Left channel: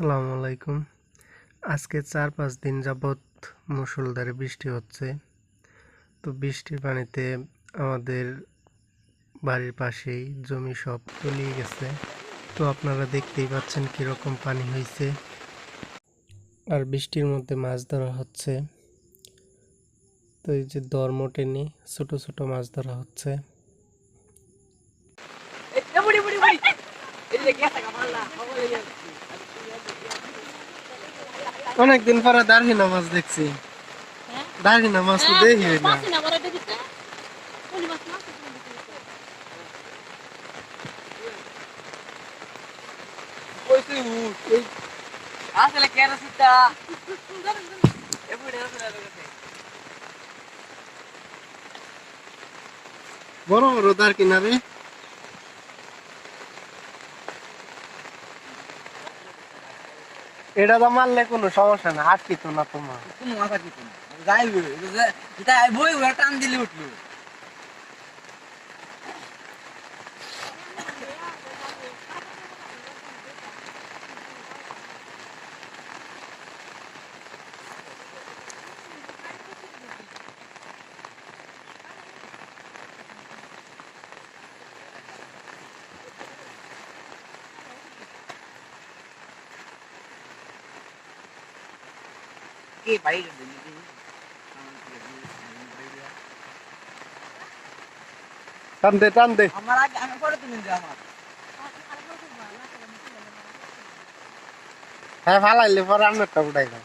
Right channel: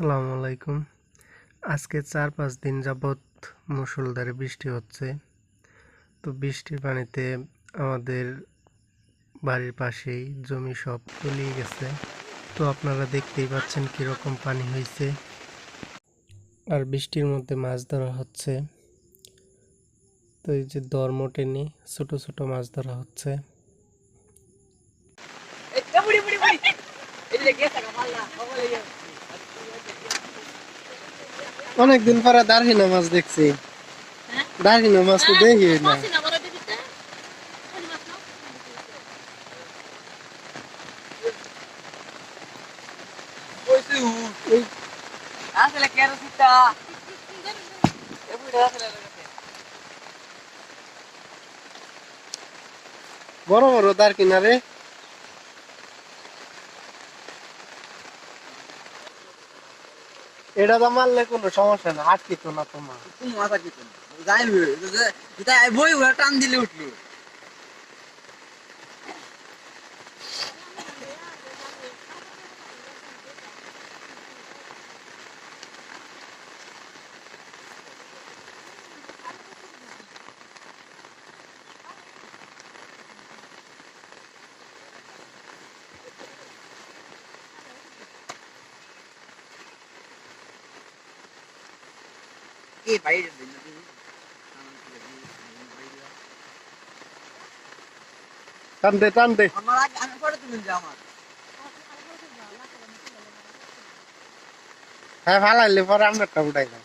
আসসালামু আলাইকুম। আজকে ৪-৫ দিন যাবৎ মুষলধারে বৃষ্টি হচ্ছে। তো বৃষ্টির পানিতে আমাদের বাড়ির পাশেই জমি সব তলিয়ে গেছে। তো আপনারা দেখতেই পাচ্ছেন কীরকম পানি হয়েছে। আর বৃষ্টির মধ্যে মাছ ধরা হচ্ছে। তো এই যে দরমো টেনে ছোট ছোট মাছ ধরা হচ্ছে। অনেকদিন পরে দারহিনা মাছ দেখছি। দারহিনা মাছ তো দেখি না। বড় বড় দার কিনারে এটা তো মারলে কোনো সমস্যা না, আটকিত না তোমার কোনো মাথা কিছু না যাই বড়ি ঘোড়া টান দিলে উঠলো। কে বাইরে টান দে টান দে। আমার আগে আমি পরে তুমি আমার হ্যাঁ ফালাইলে পরে আমারটা উঠাই দাও।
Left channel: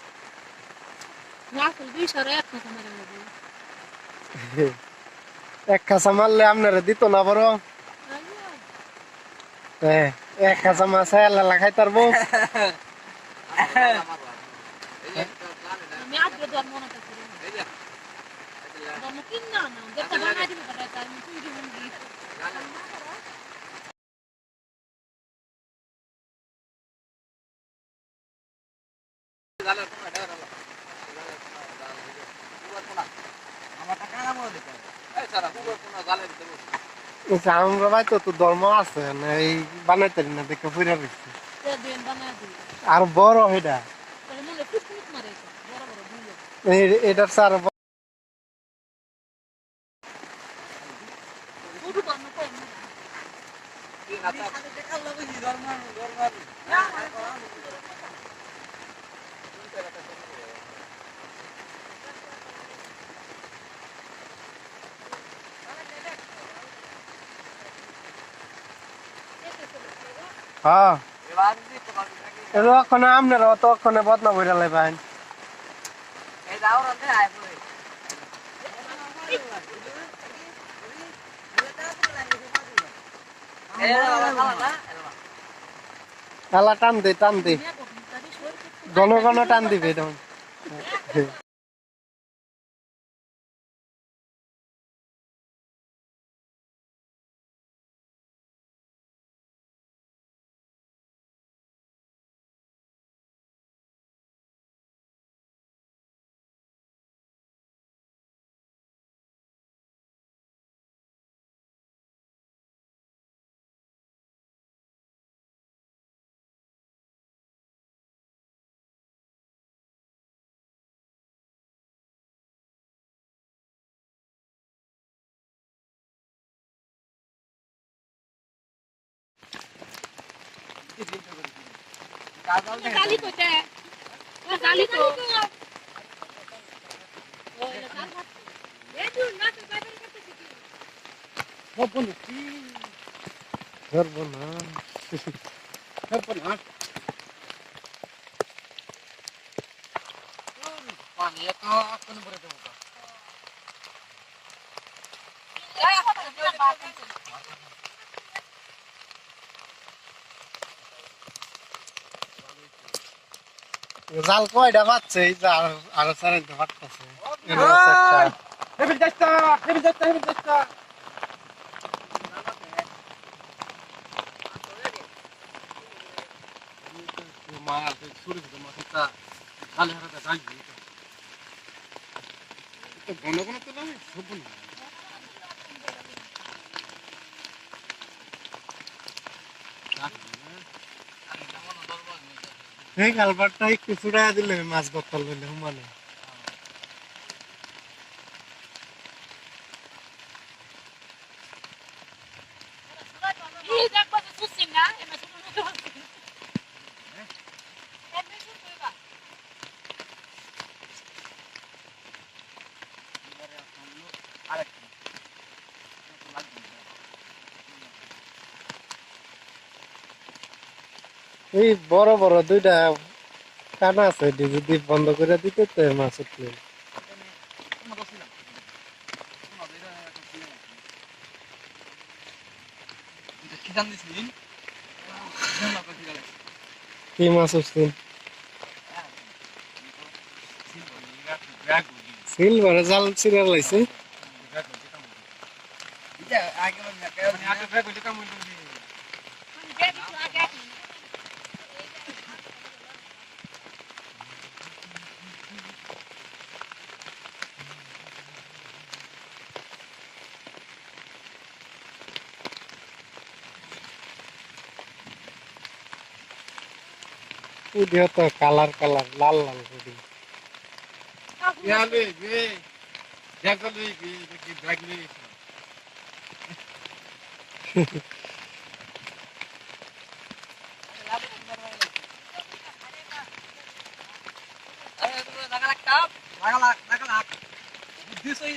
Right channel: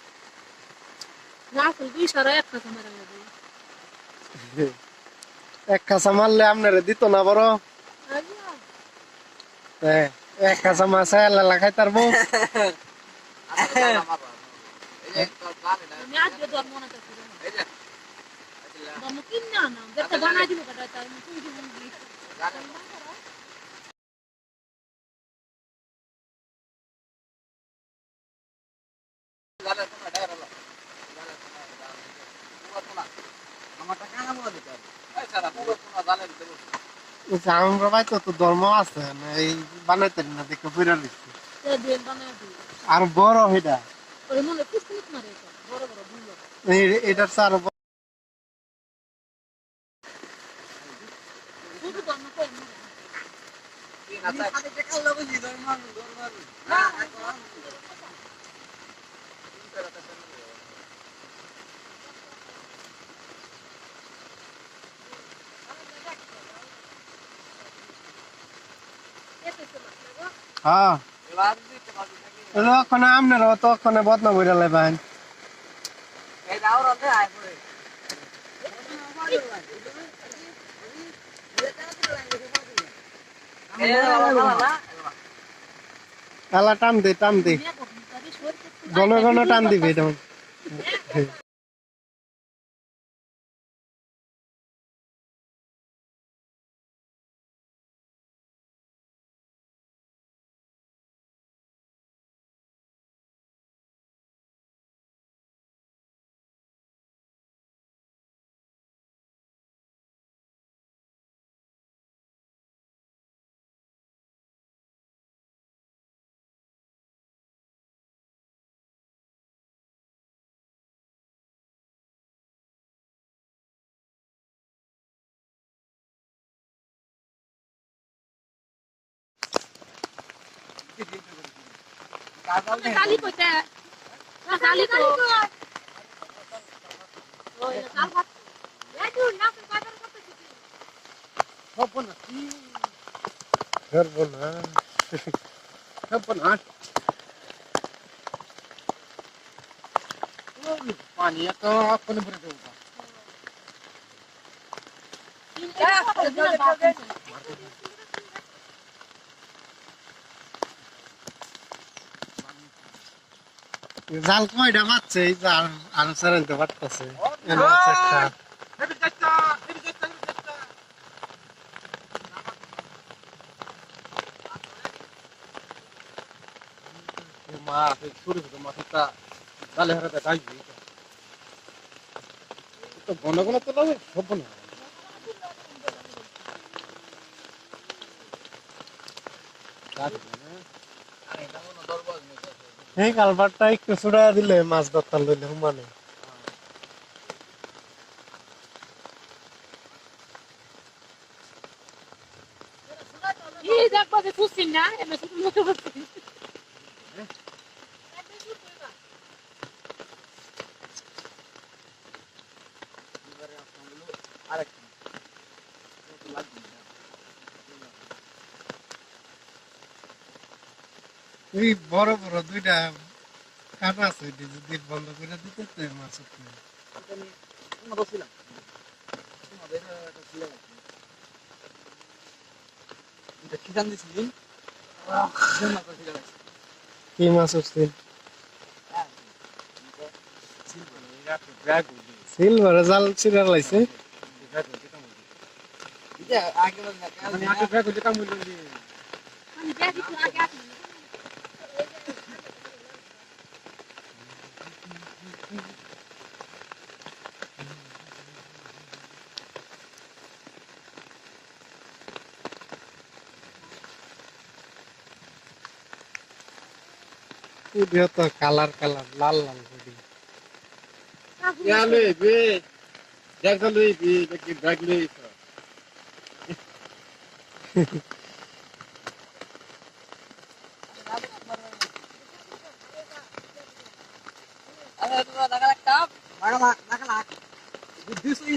এক কাঁচা মারলে আপনারা দিত না বড়। এক কাঁচা মাছ এলা খাই তারবো। আমরা ভাই তো ধর্ম আছে এই বানাইতে না দেখে পুরা দিচ্ছে আর বড় এটা এটার চার হ্যাঁ ওখানে আপনারা তো ওখানে বদনা বইরা লাইবেন। এলা টান দে টান দে, ঘন ঘন টান দিবে তখন। पानी तो अपन भर देगा জাল কয়টা পাচ্ছে এই যে আরো চালাইতে পারতেছে একটা মাছ ছোট ছোট মাছটা জালে হারাতে ডালবি তো ঘন ঘন তো লাগে সব না এই কালবারটা একটু ছুড়াইয়া দিলে মাছ ধরতে লইল মানে এই দেখবা যে ফুসিং না এমন ছোট মতো ফুসিং ওই বড় বড় দুইটা কানা আছে যদি বন্ধ করে দিতে তো মাছ উঠলো কি মাছ উঠছেন সিলভারে জাল চিরা লাইছে আমি দেখি তো আগে আসি উডিও তো কালার কালার লাল লাল উডি বুদ্ধি সহি